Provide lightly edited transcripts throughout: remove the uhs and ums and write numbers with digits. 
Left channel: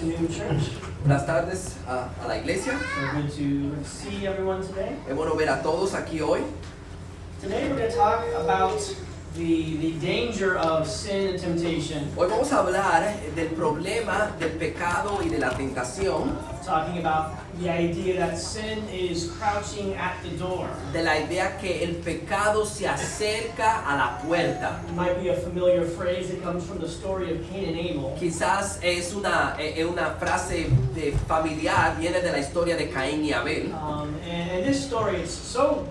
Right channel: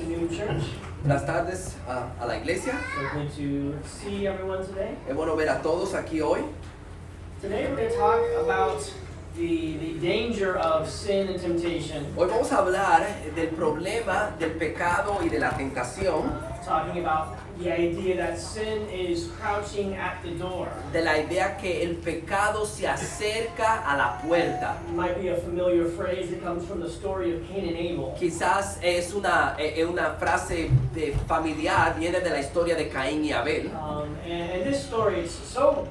afternoon, church. Buenas tardes a la iglesia. So good to see everyone today. Es bueno ver a todos aquí hoy. Today we're going to talk about the danger of sin and temptation. Hoy vamos a hablar del problema del pecado y de la tentación. Talking about the idea that sin is crouching at the door. De la idea que el pecado se acerca a la puerta. It might be a familiar phrase that comes from the story of Cain and Abel. Quizás es una frase familiar, viene de la historia de Caín y Abel. And this story is so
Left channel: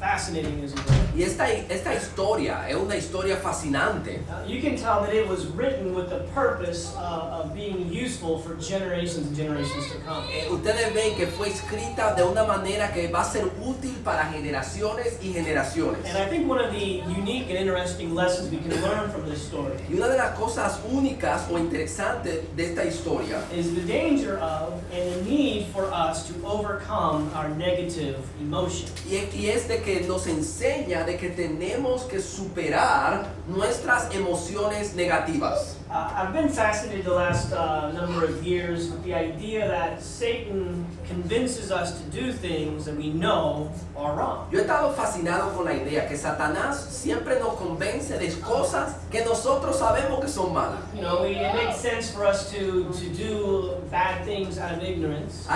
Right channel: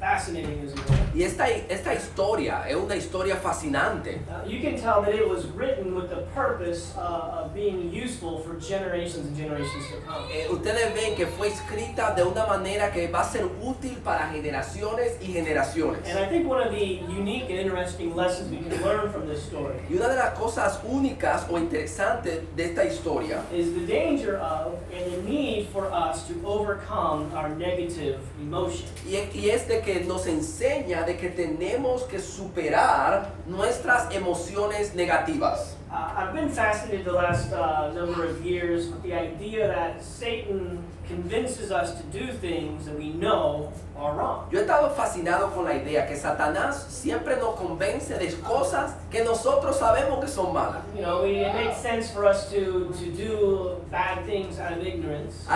fascinating, as you know. Y esta historia es una historia fascinante. You can tell that it was written with the purpose of being useful for generations and generations to come. Ustedes ven que fue escrita de una manera que va a ser útil para generaciones y generaciones. And I think one of the unique and interesting lessons we can learn from this story Y una de las cosas únicas o interesantes de esta historia is the danger of and the need for us to overcome our negative emotions. y es de que nos enseña de que tenemos que superar nuestras emociones negativas. I've been fascinated the last number of years with the idea that Satan convinces us to do things that we know are wrong. Yo he estado fascinado con la idea que Satanás siempre nos convence de cosas que nosotros sabemos que son malas. You know, it makes sense for us to do bad things out of ignorance.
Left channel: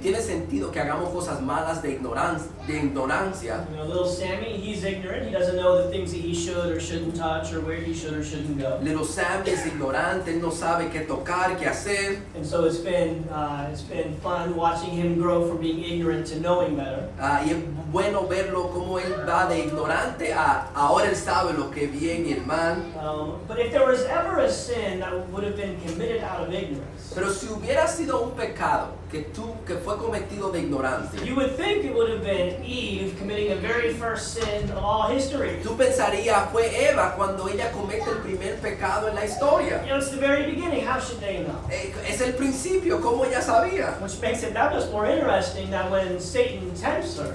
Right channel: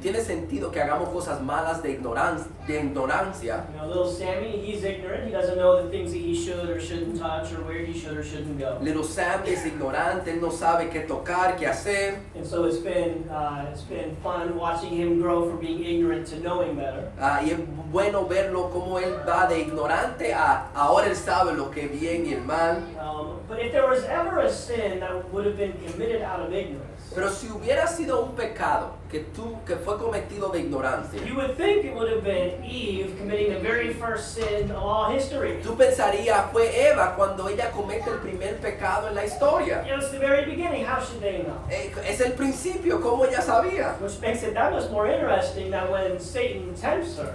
Tiene sentido que hagamos cosas malas de ignorancia. You know, little Sammy, he's ignorant. He doesn't know the things that he should or shouldn't touch or where he should or shouldn't go. Little Sammy es ignorante, él no sabe qué tocar, qué hacer. And so it's been fun watching him grow from being ignorant to knowing better. Y es bueno verlo cómo él va de ignorante a ahora él sabe lo que es bien y el mal. But if there was ever a sin that would have been committed out of ignorance, Pero si hubiera sido un pecado que fue cometido de ignorancia, you would think it would have been Eve committing the very first sin of all history. tú pensarías fue Eva cuando ella comete el primer pecado en la historia. You know, it's the very beginning. How should they know? Es el principio, como ella sabía. Which makes it that much more interesting that when Satan tempts her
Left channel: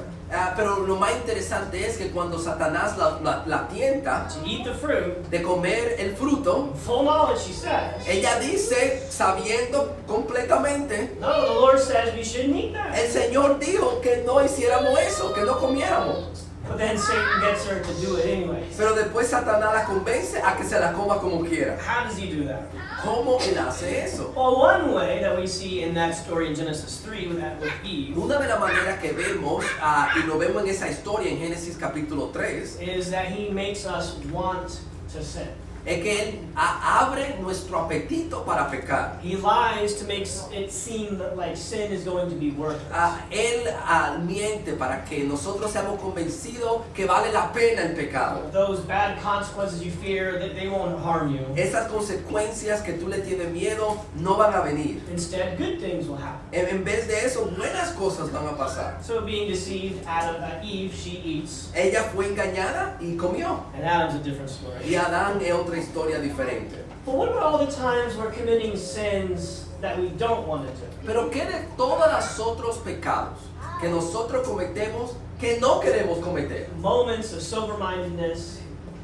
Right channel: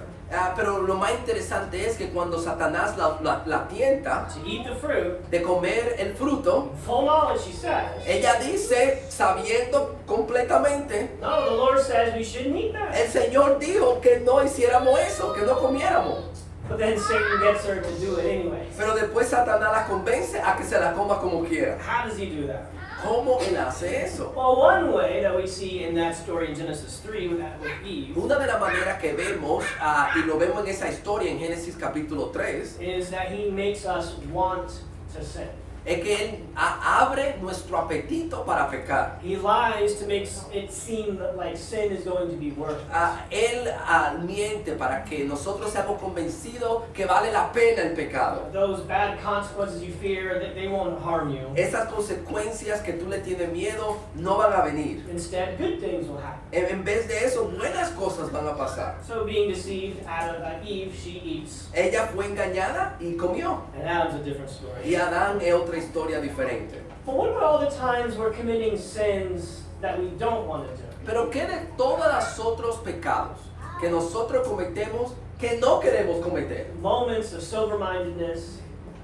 Pero lo más interesante es que cuando Satanás la tienta to eat the fruit, de comer el fruto, full knowledge, she says, ella dice, sabiendo completamente, no, the Lord says we shouldn't eat that. el Señor dijo que no hiciéramos eso, que no comiéramos. But then Satan gets her to do it anyways. Pero después Satanás la convence a que se la coma como quiera. How does he do that? ¿Cómo él hace eso? Well, one way that we see in that story in Genesis 3 with Eve Una de las maneras que vemos, y lo vemos en esa historia en Génesis capítulo 3, is that he makes us want to sin. es que él abre nuestro apetito para pecar. He lies to make it seem like sin is going to be worth it. Él miente para que nosotros seamos convencidos que vale la pena el pecado. Those bad consequences you fear, they won't harm you. Esas consecuencias que tú le tienes miedo no van a venir. Instead, good things will happen. En vez de eso, buenas cosas van a pasar. So being deceived, Eve, she eats. Ella fue engañada y comió. And Adam's a different story. Y Adán es otra historia diferente. But what about all the times we're committing sins that we don't want to do? Pero ¿qué de todos los otros pecados que nosotros cometemos que no queremos cometer? Moments of sober-mindedness.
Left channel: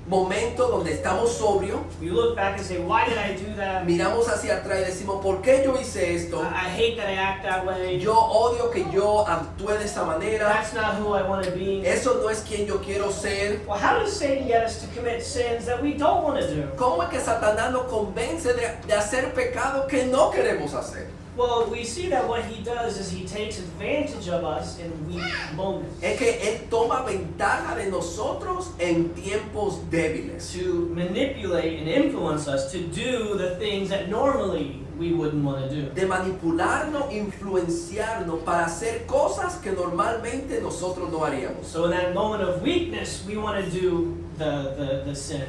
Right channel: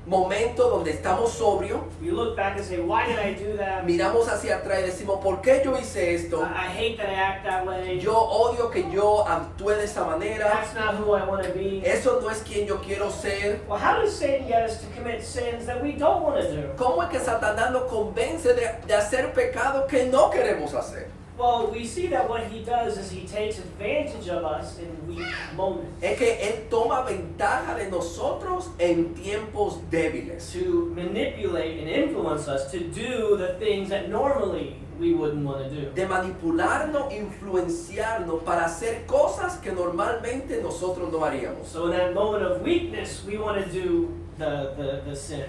Momentos donde estamos sobrios, You look back and say, why did I do that? miramos hacia atrás y decimos, ¿por qué yo hice esto? I hate that I act that way. Yo odio que yo actúe de esa manera. That's not who I want to be. Eso no es quien yo quiero ser. Well, how does Satan get us to commit sins that we don't want to do? ¿Cómo es que Satanás nos convence de hacer pecado que no queremos hacer? Well, we see that what he does is he takes advantage of us in weak moments Es que Él toma ventaja de nosotros en tiempos débiles. to manipulate and influence us to do the things that normally we wouldn't want to do. De manipularnos, influenciarnos para hacer cosas que normalmente nosotros no haríamos. So in that moment of weakness, we want to do the sin.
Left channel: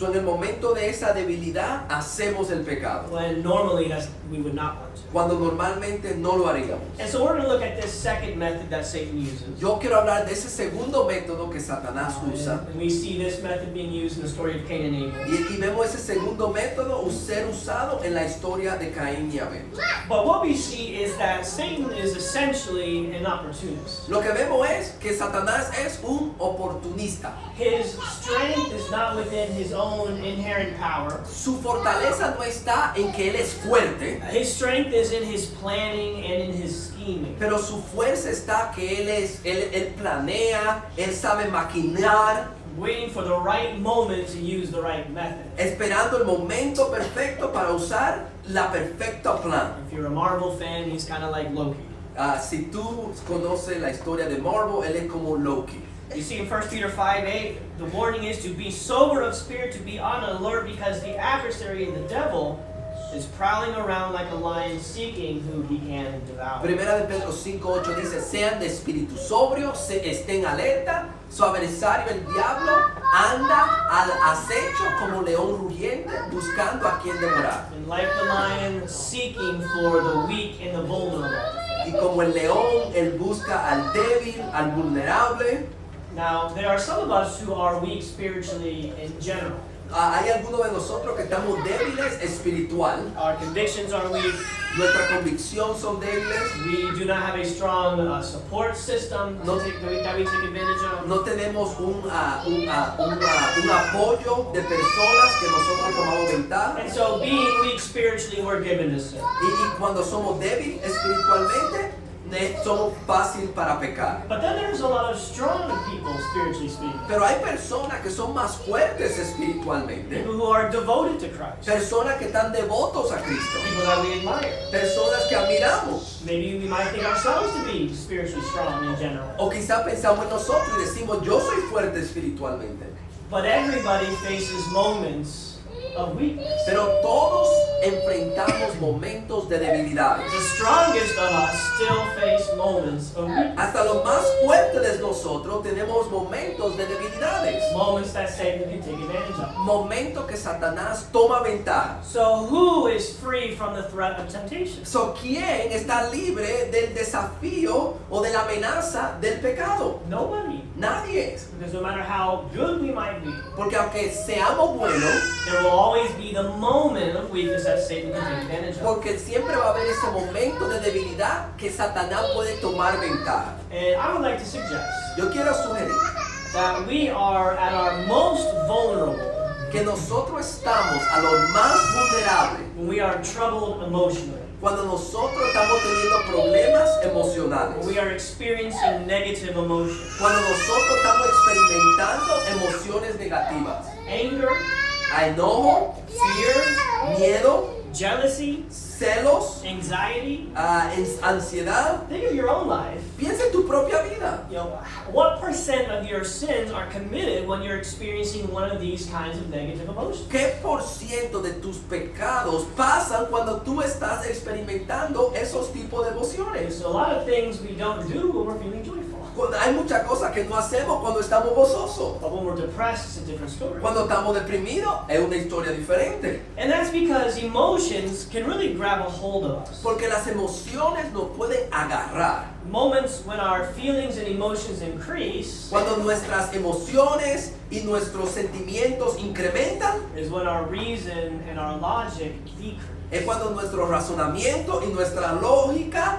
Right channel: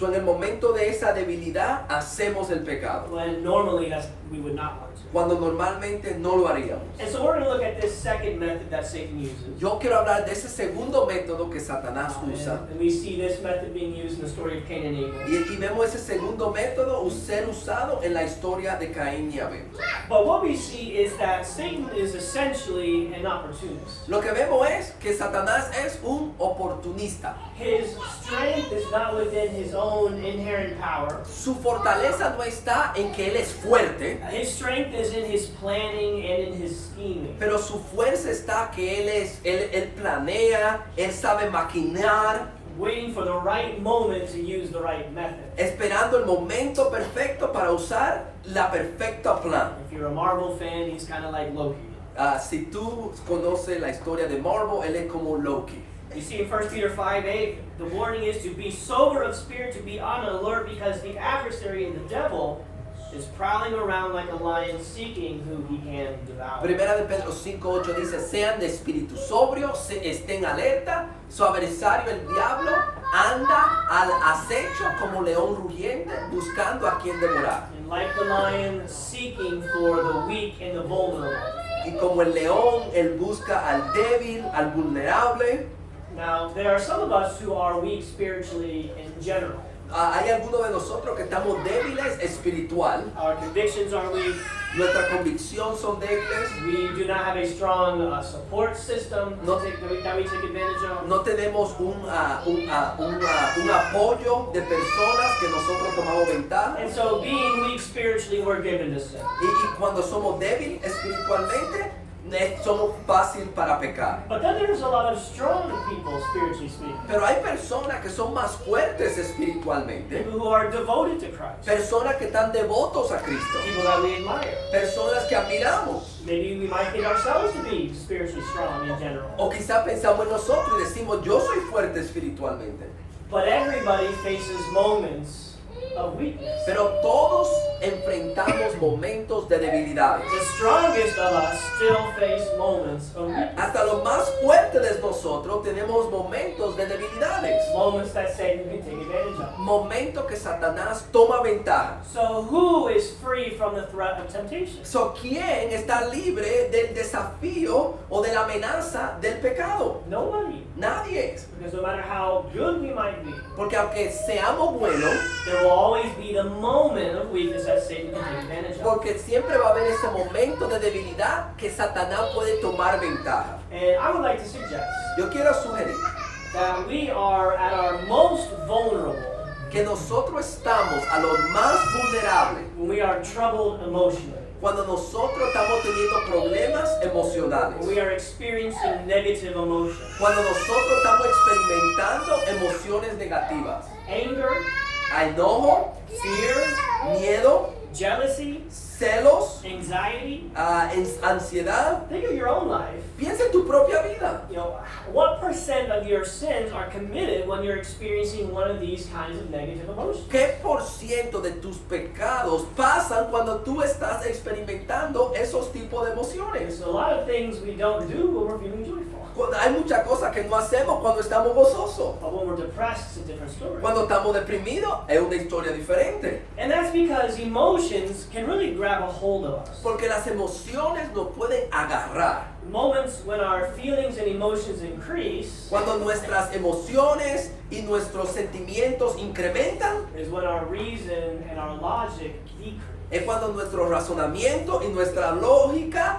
En el momento de esa debilidad hacemos el pecado, When normally we would not want to. cuando normalmente no lo haríamos. And so we're going to look at this second method that Satan uses. Yo quiero hablar de ese segundo método que Satanás usa. And we see this method being used in the story of Cain and Abel. Y vemos ese segundo método ser usado en la historia de Caín y Abel. But what we see is that Satan is essentially an opportunist. Lo que vemos es que Satanás es un oportunista. his strength is not within his own inherent power. Su fortaleza no está en que él es fuerte, His strength is in his planning and in his scheming. pero su fuerza está que él planea, él sabe maquinar, Waiting for the right moment to use the right method. esperando el momento perfecto para usar la perfecta plan. If you're a Marvel fan, he's kind of like Loki. Si tú conoces la historia de Marvel, él es como Loki. You see in 1 Peter 5:8, the warning is to be sober of spirit, to be on alert, because the adversary, the devil, is prowling around like a lion seeking who he can devour. Primera de Pedro 5:8 dice, sean de espíritu sobrio, estén alerta, su adversario el diablo anda al acecho como león rugiente buscando a quien devorar. And like the lion seeking for the weak and the vulnerable. Y como el león, él busca al débil, al vulnerable. Now, there are some of us who are weak spiritually in general. Hay algunos de nosotros que estamos débiles espiritual. Our convictions are weak. Nuestra convicción son débiles. We do not have a strong support system No. that we take advantage of. No tenemos un apoyo de personas que nosotros tomamos ventaja. And so, being weak spiritually, we're given to sin. Y cuando somos débiles espiritualmente, somos fácil para pecar. But then there's a lot of strong people, spiritually speaking. Pero hay personas que son más fuertes espiritualmente. People who are devoted to Christ. Personas que están devotos a Cristo. People that we admire. Personas que admiramos. Maybe we might think ourselves to be spiritually strong in general. O quizá pensamos en nosotros y decimos, yo soy fuerte espiritualmente. But everybody faces moments of weakness. Pero todos enfrentamos momentos de debilidades. The strongest of us still face moments of weakness. Hasta los más fuertes de nosotros tenemos momentos de debilidades. Moments that Satan can take advantage of. Momentos que Satanás toma ventaja. So who is free from the threat of temptation? So, ¿quién está libre del desafío o de la amenaza del pecado? Nobody. Nadie es. Because no matter how good we might be, Porque aunque seamos buenos, there will always be the moment of weakness that Satan can take advantage of. porque siempre va a haber ese momento de debilidad que Satanás puede tomar ventaja. And I would like to suggest Yo quiero sugerir that we are at our most vulnerable que nosotros estamos a lo más vulnerables when we are troubled emotionally, cuando nosotros estamos teniendo problemas when emocionales, we are experiencing negative emotions, cuando nosotros estamos experimentando emociones negativas, anger, enojo, fear, miedo, jealousy, celos, anxiety. ansiedad. Think of your own life. Piensa en tu propia vida. You know, what percent of your sins are committed when you're experiencing one of these kinds of negative emotions? ¿Qué por ciento de tus pecados pasan cuando tú estás experimentando esos tipos de emociones? There's a lot of things we don't do when we're feeling joyful. Hay muchas cosas que no hacemos cuando estamos gozosos. But when we're depressed, it's a different story. Cuando estamos deprimidos es una historia diferente. And that's because emotions can really grab a hold of us. Porque las emociones nos pueden agarrar. Moments when our feelings and emotions increase Cuando nuestras emociones y nuestros sentimientos incrementan, is when our reason and our logic decrease. es cuando nuestro razonamiento y nuestra lógica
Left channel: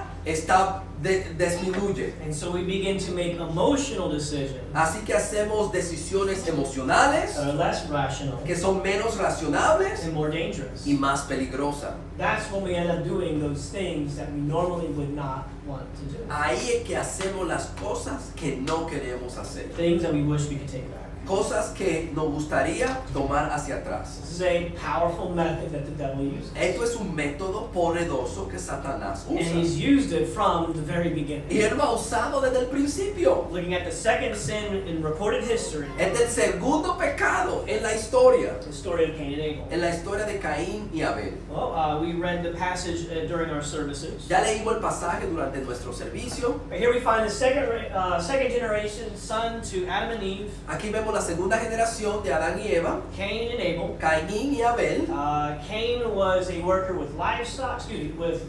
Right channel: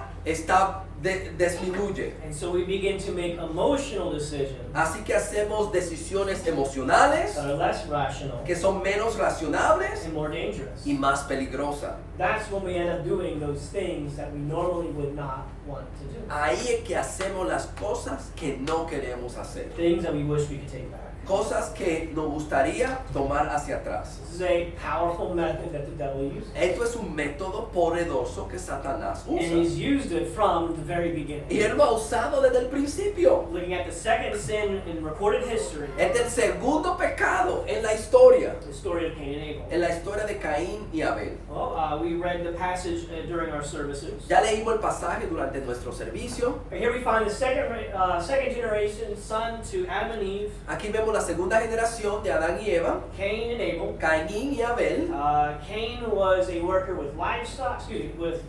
disminuye. And so we begin to make emotional decisions Así que hacemos decisiones emocionales that are less rational que son menos racionables and more dangerous. y más peligrosas. That's when we end up doing those things that we normally would not want to do. Ahí es que hacemos las cosas que no queremos hacer. Things that we wish we could take back. Cosas que nos gustaría tomar hacia atrás. This is a powerful method that the devil uses. Esto es un método poderoso que Satanás And he's usa. used it from the very beginning. Y él lo ha usado desde el principio. Looking at the second sin in recorded history, Es el segundo pecado en la historia. the story of Cain and Abel. En la historia de Caín y Abel. Well, we read the passage during our services. Ya leímos el pasaje durante nuestro servicio. But here we find the second generation son to Adam and Eve, Aquí vemos la segunda generación de Adán y Eva. Cain and Abel. Caín y Abel. Cain was a worker with livestock, with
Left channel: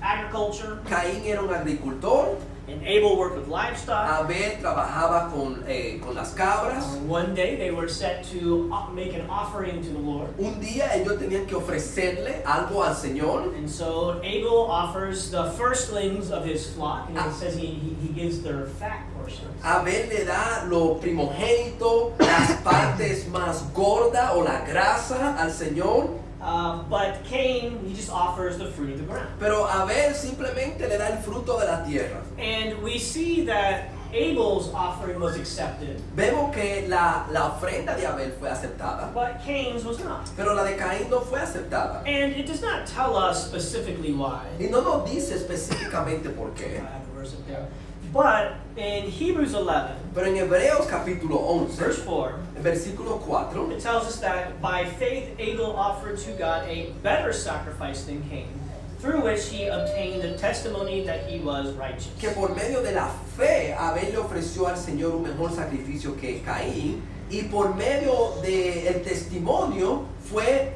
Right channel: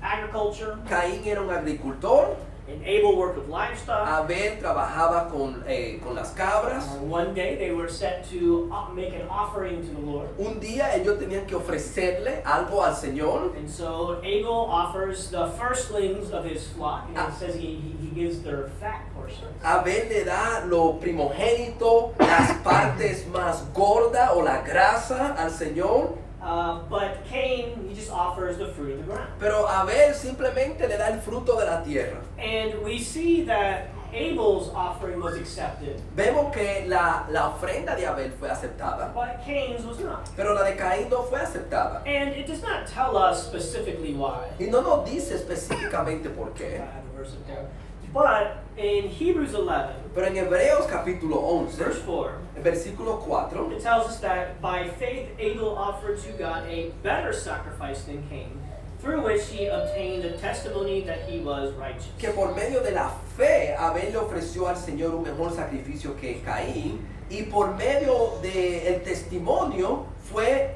agriculture, Caín era un agricultor And Abel worked with livestock. Abel trabajaba con las cabras. One day they were set to make an offering to the Lord. Un día ellos tenían que ofrecerle algo al Señor. And so Abel offers the firstlings of his flock. And it says he gives their fat portions. Abel le da lo primogénito, las partes más gordas o la grasa al Señor. But Cain, he just offers the fruit of the ground. Pero Abel simplemente le da el fruto de la tierra. And we see that Abel's offering was accepted, Vemos que la ofrenda de Abel fue aceptada, but Cain's was not. pero la de Caín no fue aceptada. And it does not tell us specifically why. Y no nos dice específicamente por I qué. have the verse up there. But in Hebrews 11, Pero en Hebreos capítulo 11, verse 4, en versículo 4, it tells us that by faith Abel offered to God a better sacrifice than Cain, through which he obtained the testimony that he was righteous. que por medio de la fe Abel le ofreció al Señor un mejor sacrificio que Caín, y por medio del testimonio fue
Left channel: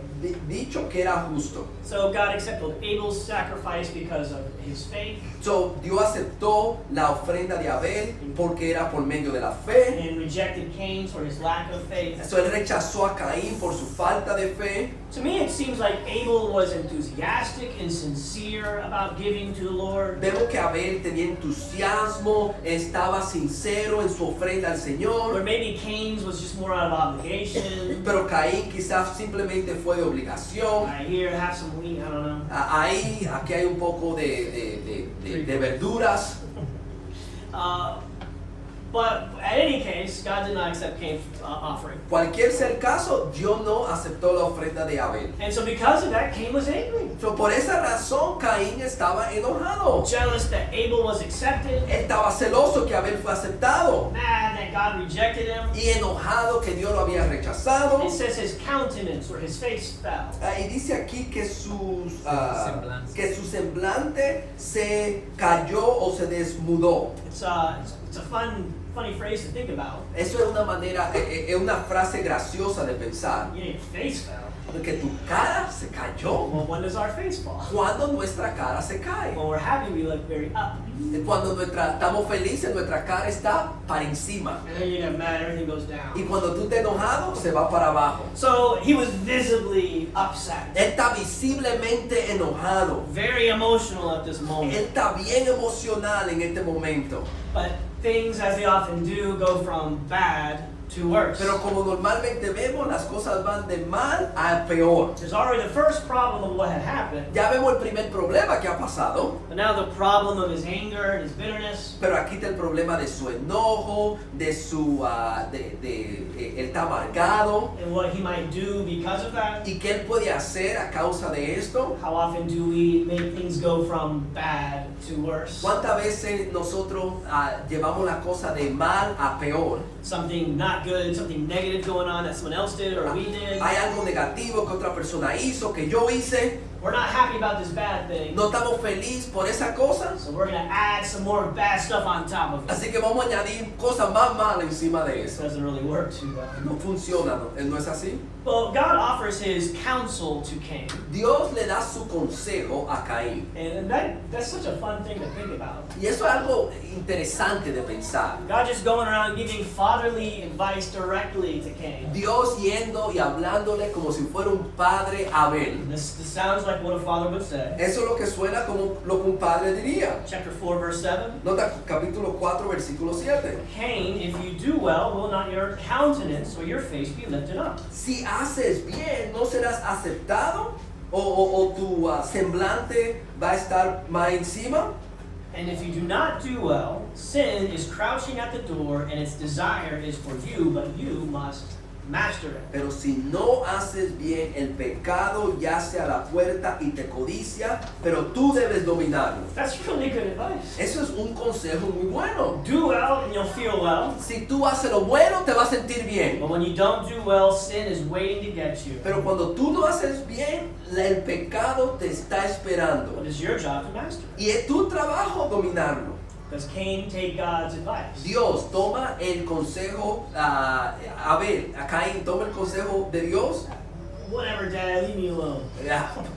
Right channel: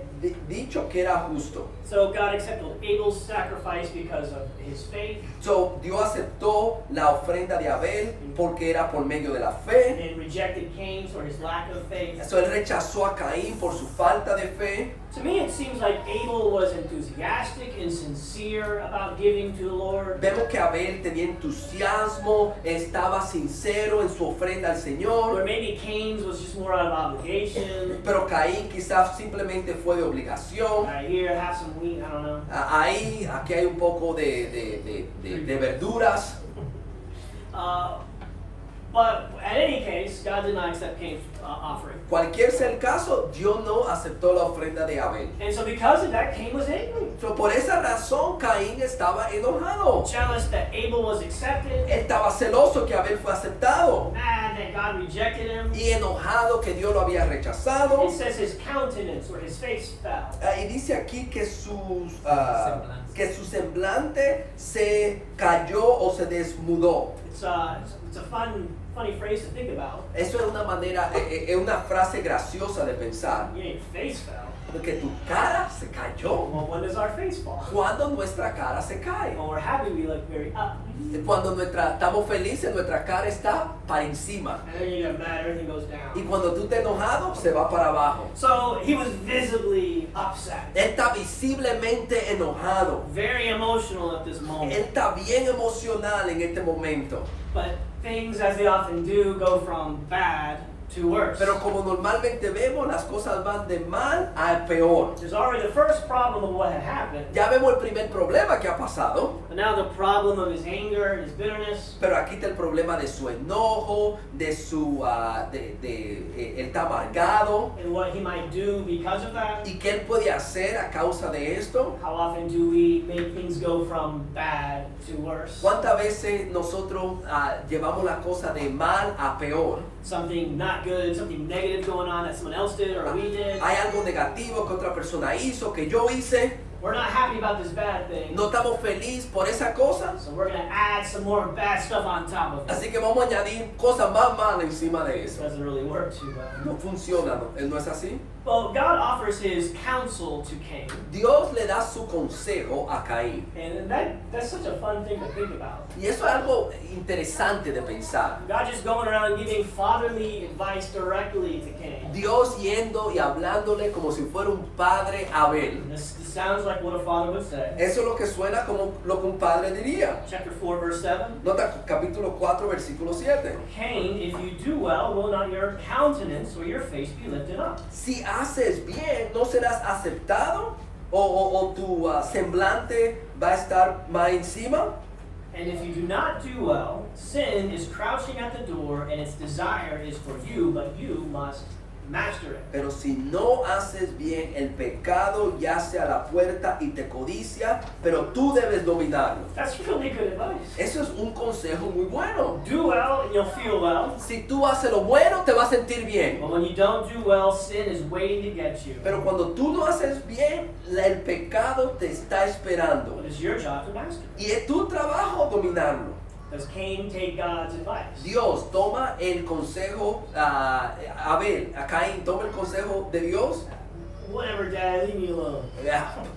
dicho que era justo. So God accepted Abel's sacrifice because of his faith, So, Dios aceptó la ofrenda de Abel porque era por medio de la fe. and rejected Cain's for his lack of faith. So, él rechazó a Caín por su falta de fe. To me, it seems like Abel was enthusiastic and sincere about giving to the Lord. Vemos que Abel tenía entusiasmo, estaba sincero en su ofrenda al Or Señor. maybe Cain's was just more out of obligation. Pero Caín quizás simplemente fue de obligación. Right here, have some wheat, I don't know. Aquí hay un poco de verduras. But at any case, God did not accept Cain's offering. Cualquier sea el caso, Dios no aceptó la ofrenda de Abel. And so because of that, Cain was angry. So, por esa razón, Caín estaba enojado. Jealous that Abel was accepted. Él estaba celoso que Abel fue aceptado. Mad that God rejected him. Y enojado que Dios lo había rechazado. It says his countenance or his face fell. Y dice aquí que que su semblante se cayó o se desmudó. It's a funny phrase to think about. Eso es una manera, es una frase graciosa de pensar. Yeah, your face fell. Que tu cara se cayó. Well, when does our face fall? Cuando nuestra cara se cae. When we're happy, we look very up. Cuando estamos felices, nuestra cara está para encima. And then you get mad, everything goes down. Y cuando tú estás enojado, se va para abajo. So he was visibly upset. Él está visiblemente enojado. Very emotional at this Él moment. está bien emocional en este momento. But things, as they often do, go from bad to worse. Pero como normalmente vemos, las cosas van de mal a peor. There's already the first problem of what had happened. Ya vemos el primer problema que ha pasado, But now the problem of his anger and his bitterness. pero aquí está el problema de su enojo, de su, él está amargado, And what he might do because of that. y qué él puede hacer a causa de esto. How often do we make things go from bad to worse? ¿Cuántas veces nosotros llevamos la cosa de mal a peor? Something not good, something negative going on that someone else did or we did. Hay algo negativo que otra persona hizo, que yo hice, We're not happy about this bad thing. no estamos felices por esa cosa, So we're going to add some more bad stuff on top of it. así que vamos a añadir cosas más malas encima de It eso. doesn't really work too well. No funciona, ¿no es así? Well, God offers his counsel to Cain. Dios le da su consejo a Caín. And that's such a fun thing to think about. Y eso es algo interesante de pensar. God just going around giving fatherly advice directly to Cain. Dios yendo y hablándole como si fuera un padre a Abel. This sounds like what a father would say. Eso es lo que suena como lo que un padre diría. Chapter 4, verse 7. Nota capítulo 4, versículo 7. Cain, if you do well, will not your countenance or your face be lifted up? Si haces bien, ¿no serás aceptado? ¿O tu semblante va a estar más encima? And if you do not do well, sin is crouching at the door, and its desire is for you, but you must master it. Pero si no haces bien, el pecado yace a la puerta y te codicia, pero tú debes dominarlo. That's really good advice. Eso es un consejo muy bueno. Do well, and you'll feel well. Si tú haces lo bueno, te vas a sentir bien. But when you don't do well, sin is waiting to get you. Pero cuando tú no haces bien, el pecado te está esperando. But it's your job to master it. Y es tu trabajo dominarlo. Does Cain take God's advice? Dios toma el consejo, Abel, a Caín toma el consejo de Dios. Whatever, Dad, leave me alone.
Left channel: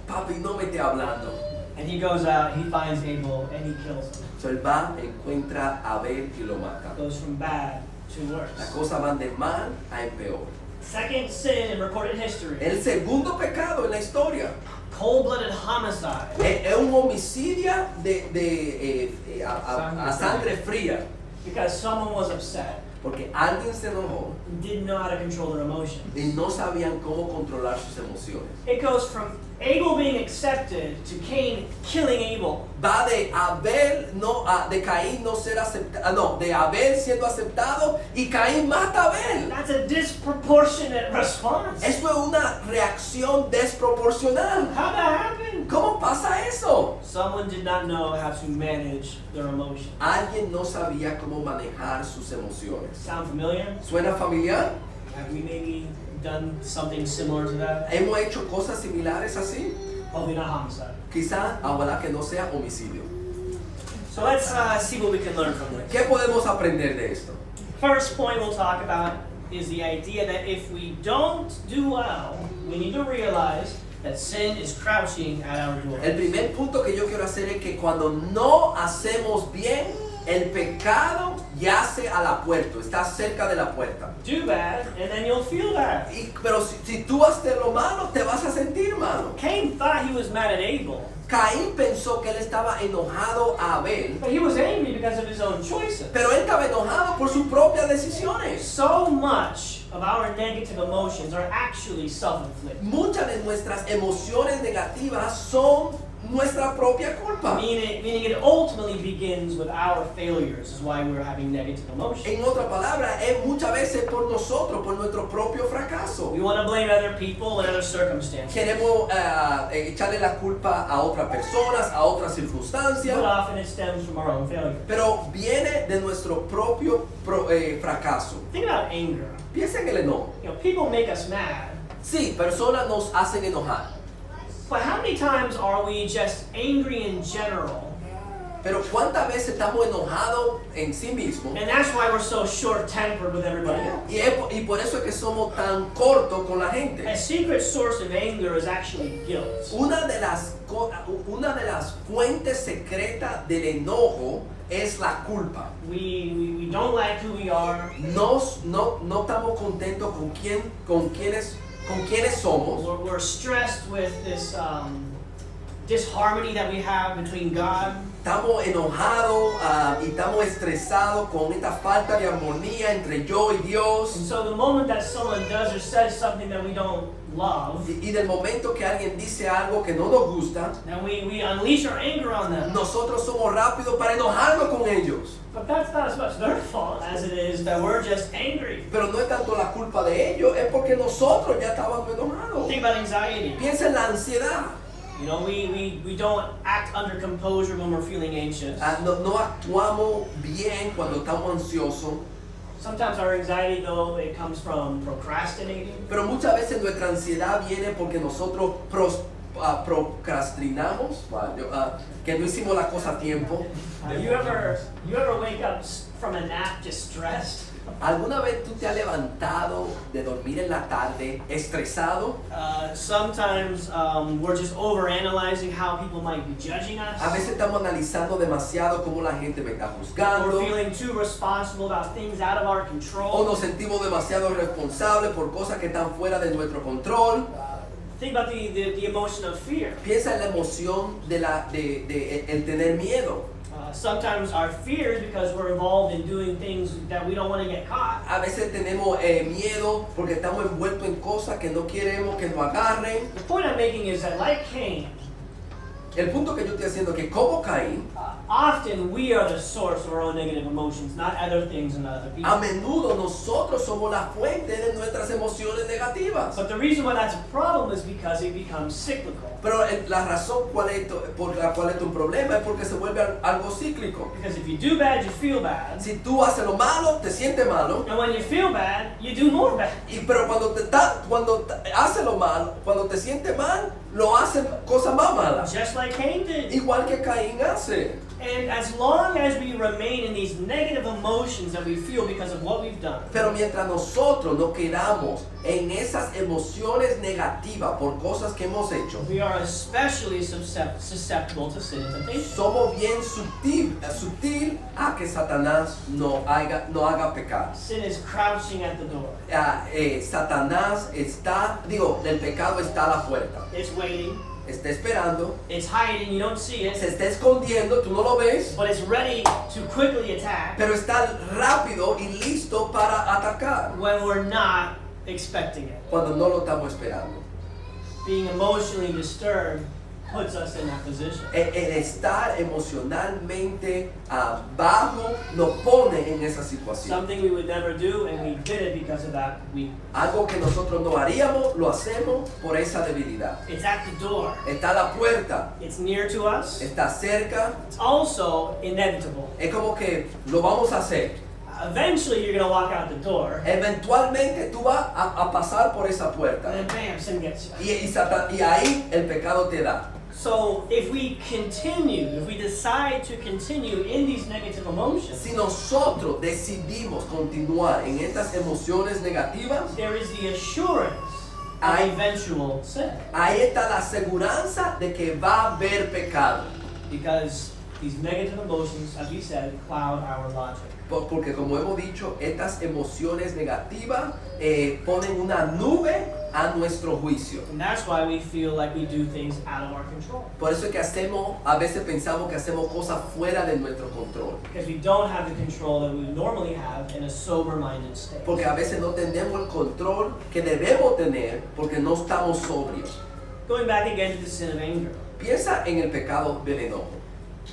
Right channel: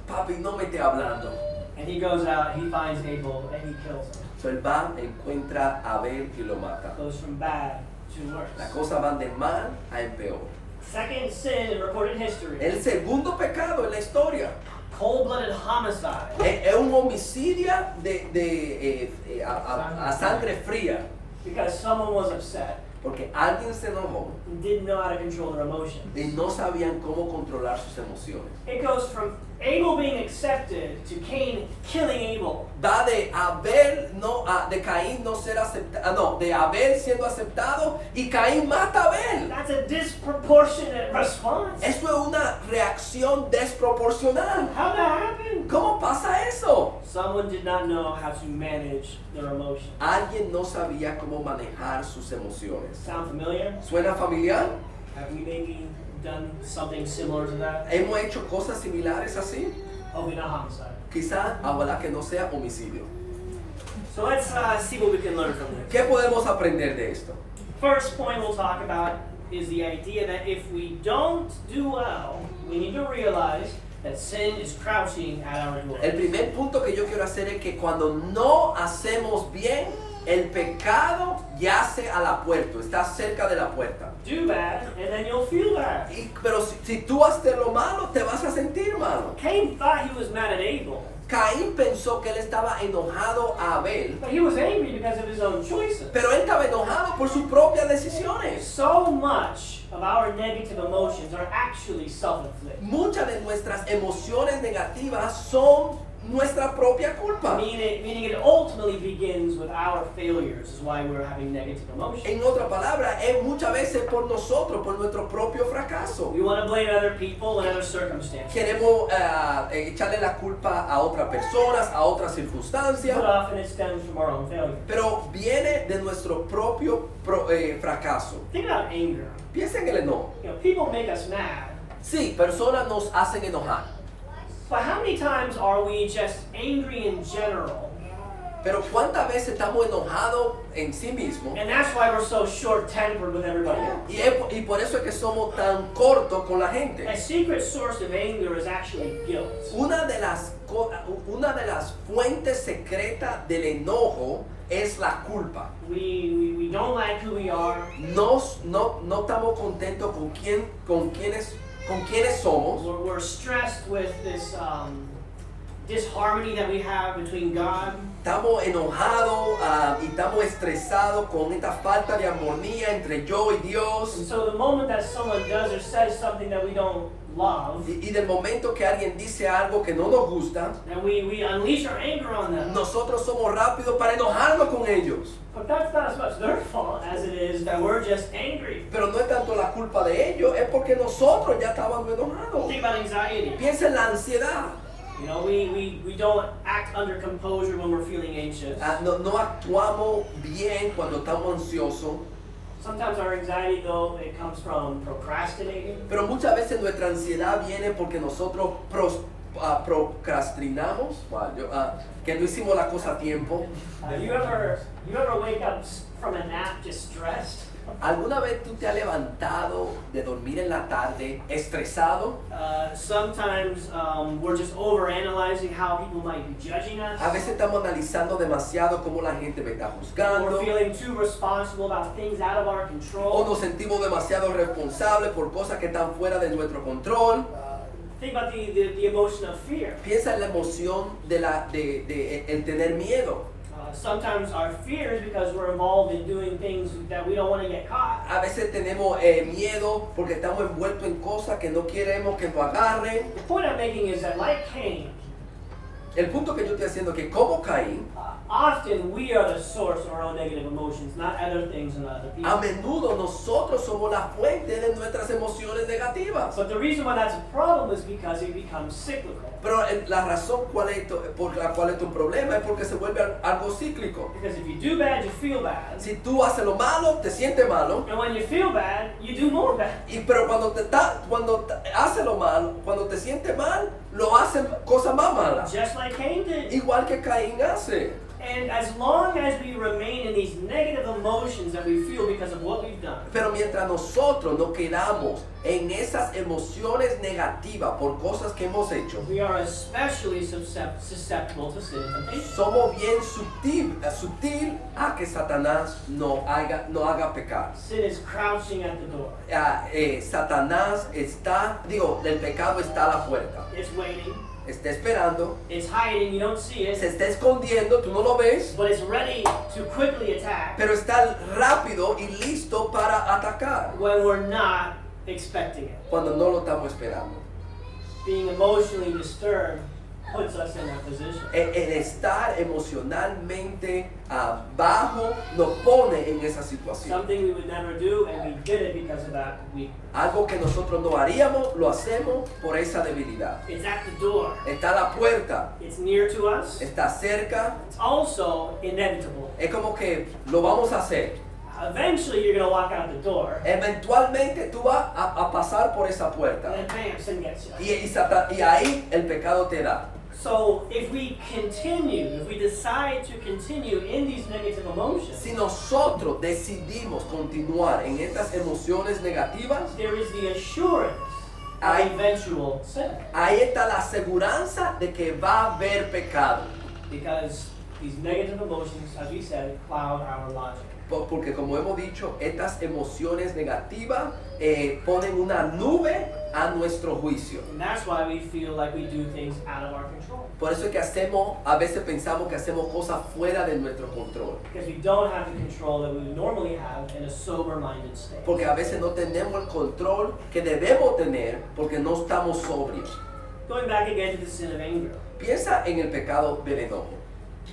Papi, no me esté hablando. And he goes out, he finds Abel, and he kills him. So él va, encuentra a Abel y lo mata. Goes from bad to worse. Las cosas van de mal a peor. Second sin in recorded history. El segundo pecado en la historia Cold-blooded homicide. es un homicidio a sangre fría. Because someone was upset Porque alguien se enojó and didn't know how to control their emotions. y no sabían cómo controlar sus emociones. It goes from Abel being accepted to Cain killing Abel. Va de Abel, de Caín no ser aceptado, de Abel siendo aceptado y Caín mata a Abel. That's a disproportionate response. Eso es una reacción desproporcional. How'd that happen? ¿Cómo pasa eso? Someone did not know how to manage their emotions. Alguien no sabía cómo manejar sus emociones. Sound familiar? ¿Suena familiar? Have we maybe done something similar to that? ¿Hemos hecho cosas similares así? Hopefully not homicide. Quizá, ojalá que no sea homicidio. So let's see what we can learn from this. ¿Qué podemos aprender de esto? First point we'll talk about is the idea that if we don't do well, we need to realize that sin is crouching at our door. El primer punto que yo quiero hacer es que cuando no hacemos bien, el pecado yace a la puerta, está cerca de la puerta. Do bad, and then you'll feel bad. Pero si tú haces lo malo, te vas a sentir malo. Cain thought he was mad at Abel, Caín pensó que él estaba enojado a Abel, but he was angry because of his own choices. pero él estaba enojado por sus propias decisiones. So much of our negative emotions are actually self-inflicted. Muchas de nuestras emociones negativas son nuestra propia culpa. Meaning it ultimately begins with our failures, is why we're having negative emotions. En otra palabra, es muchas veces por nosotros, por nuestro propio fracaso. We want to blame other people and other circumstances. Queremos echarle la culpa a otras personas, a otras circunstancias, But often it stems from our own failure. pero viene de nuestro propio fracaso. Think about anger. Piensa en el enojo. You know, people make us mad. Sí, personas nos hacen enojar, But how many times are we just angry in general? pero ¿cuántas veces estamos enojados en sí mismos? And that's why we're so short-tempered with everybody else. Y por eso es que somos tan cortos con la gente. A secret source of anger is actually guilt. Una de las fuentes secretas del enojo es la culpa. We don't like who we are. No estamos contentos con quiénes somos. We're stressed with this disharmony that we have between God. Estamos enojados y estamos estresados con esta falta de armonía entre yo y Dios. And so the moment that someone does or says something that we don't love, Y del momento que alguien dice algo que no nos gusta, then we unleash our anger on them. nosotros somos rápidos para enojarnos con ellos. But that's not as much their fault as it is that we're just angry. Pero no es tanto la culpa de ellos, es porque nosotros ya estábamos enojados. Think about anxiety. Piensa en la ansiedad. You know, we don't act under composure when we're feeling anxious. No actuamos bien cuando estamos ansiosos. Sometimes our anxiety, though, it comes from procrastinating. Pero muchas veces nuestra ansiedad viene porque nosotros procrastinamos, que no hicimos la cosa a tiempo. You ever wake up from a nap just stressed? ¿Alguna vez tú te has levantado de dormir en la tarde estresado? Sometimes we're just overanalyzing how people might be judging us. A veces estamos analizando demasiado cómo la gente me está juzgando. We're feeling too responsible about things out of our O control. nos sentimos demasiado responsables por cosas que están fuera de nuestro control. Think about the emotion of fear. Piensa en la emoción de el tener miedo. Sometimes our fear is because we're involved in doing things that we don't want to get caught. A veces tenemos miedo porque estamos envueltos en cosas que no queremos que nos agarren. The point I'm making is that, like Cain, El punto que yo estoy haciendo es que como Caín, often we are the source of our own negative emotions, not other things and other people. a menudo nosotros somos la fuente de nuestras emociones negativas. But the reason why that's a problem is because it becomes cyclical. Pero la razón por la cual es un problema es porque se vuelve algo cíclico. Because if you do bad, you feel bad. Si tú haces lo malo, te sientes malo. And when you feel bad, you do more bad. Pero cuando haces lo malo, cuando te sientes mal, lo haces cosas más malas. Just like Cain did. Igual que Caín hace. And as long as we remain in these negative emotions that we feel because of what we've done, Pero mientras nosotros nos quedamos en esas emociones negativas por cosas que hemos hecho, we are especially susceptible to sin and temptation. somos bien sutil a que Satanás no haga pecar. Sin is crouching at the door. Satanás el pecado está a la puerta, It's waiting. está esperando, It's hiding. You don't see se it, está escondiendo, tú no lo ves, but it's ready to quickly attack pero está rápido y listo para atacar when we're not expecting it. cuando no lo estamos esperando. Being emotionally disturbed puts us in that position. El estar emocionalmente bajo nos pone en esa situación. Something we would never do, and we did it because of that weakness. Algo que nosotros no haríamos, lo hacemos por esa debilidad. It's at the door. Está a la puerta, It's near to us. está cerca, It's also inevitable. es como que lo vamos a hacer. Eventually, you're going to walk out the door, Eventualmente tú vas a pasar por esa and puerta then bam, sin gets you. y ahí el pecado te da. So if we decide to continue in these negative emotions, Si nosotros decidimos continuar en estas emociones negativas, there is the assurance of Ay. eventual sin. ahí está la aseguranza de que va a haber pecado. Because these negative emotions, as we said, cloud our logic. Porque como hemos dicho, estas emociones negativas ponen una nube a nuestro juicio. And that's why we feel like we do things out of our control. Por eso es que a veces pensamos que hacemos cosas fuera de nuestro control. Because we don't have the control that we would normally have in a sober-minded state. Porque a veces no tenemos el control que debemos tener porque no estamos sobrios. Going back again to the sin of anger. Piensa en el pecado del enojo.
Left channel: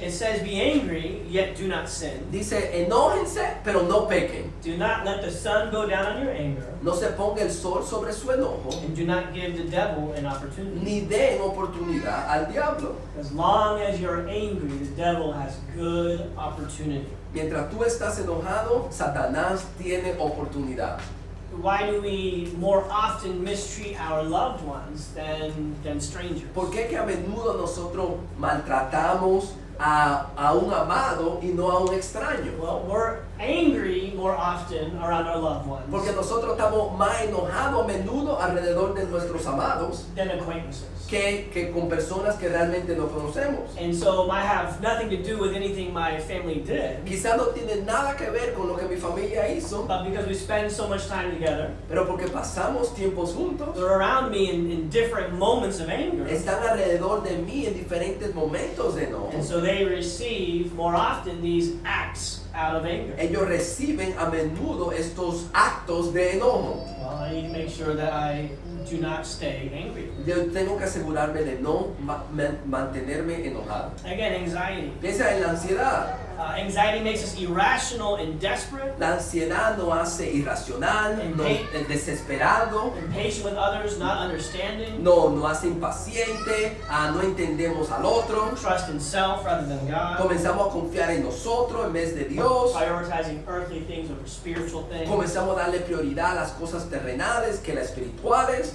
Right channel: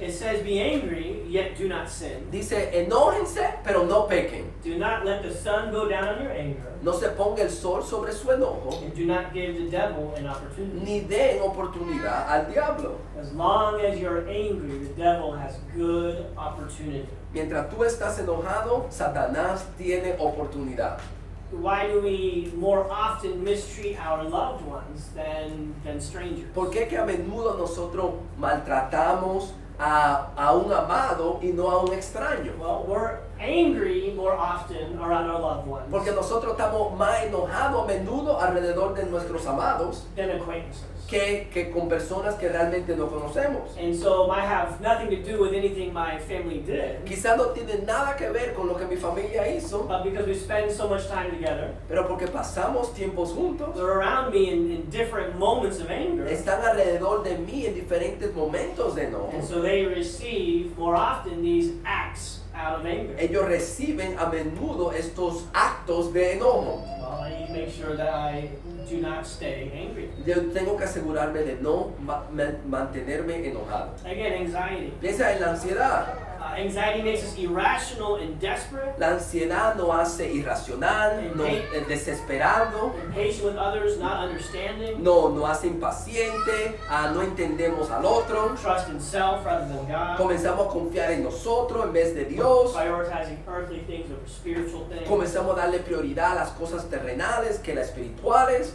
It says, be angry, yet do not sin. Dice, enójense, pero no pequen. Do not let the sun go down on your anger, No se ponga el sol sobre su enojo, and do not give the devil an opportunity. ni den oportunidad al diablo. As long as you're angry, the devil has good opportunity. Mientras tú estás enojado, Satanás tiene oportunidad. Why do we more often mistreat our loved ones than strangers? ¿Por qué que a menudo nosotros maltratamos a un amado y no a un extraño? Well, we're angry more often around our loved ones Porque nosotros estamos más enojados a menudo alrededor de nuestros amados than acquaintances. que con personas que realmente no conocemos. And so might have nothing to do with anything my family did, Quizás no tiene nada que ver con lo que mi familia hizo, but because we spend so much time together, pero porque pasamos tiempos juntos, they're around me in different moments of anger. están alrededor de mí en diferentes momentos de enojo. And so they receive more often these acts out of anger. Ellos reciben a menudo estos actos de enojo. Well, I need to make sure that I do not stay angry. Yo tengo que asegurarme de no mantenerme enojado. Again, anxiety. Piensa en la ansiedad. Anxiety makes us irrational and desperate, La ansiedad nos hace irracional, desesperado, impatient with others, not understanding, nos hace impaciente, no entendemos al otro, trust in self rather than God, comenzamos a confiar en nosotros en vez de Dios, prioritizing earthly things over spiritual things, comenzamos a darle prioridad a las cosas terrenales que las espirituales.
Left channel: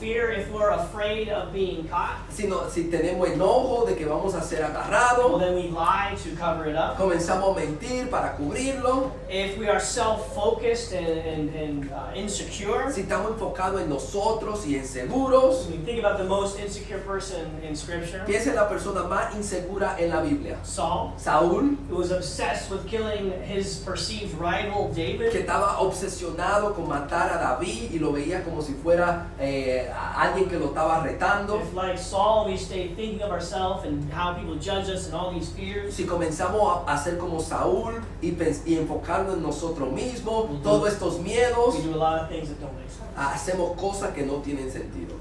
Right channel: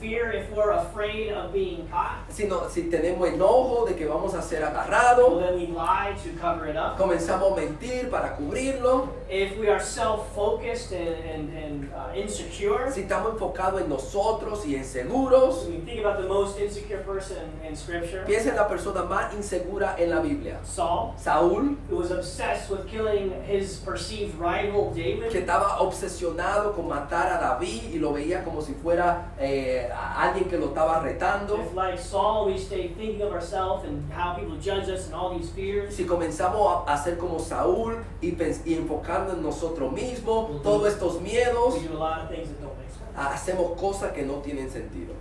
fear if we're afraid of being caught, Si tenemos enojo de que vamos a ser well agarrados, then we lie to cover it up. comenzamos a mentir para cubrirlo. If we are self-focused and insecure, Si estamos enfocados en nosotros y inseguros, when you think about the most insecure person in Scripture, piensa en la persona más insegura en la Biblia. Saul, Saúl, who was obsessed with killing his perceived rival que David. estaba obsesionado con matar a David y lo veía como si fuera alguien que lo estaba retando. If, like Saul, we stay thinking of ourselves and how people judge us and all these fears, Si comenzamos a ser como Saúl y enfocarnos en nosotros mismos, todos estos miedos, we do a lot of things that don't make sense. hacemos cosas que no tienen sentido.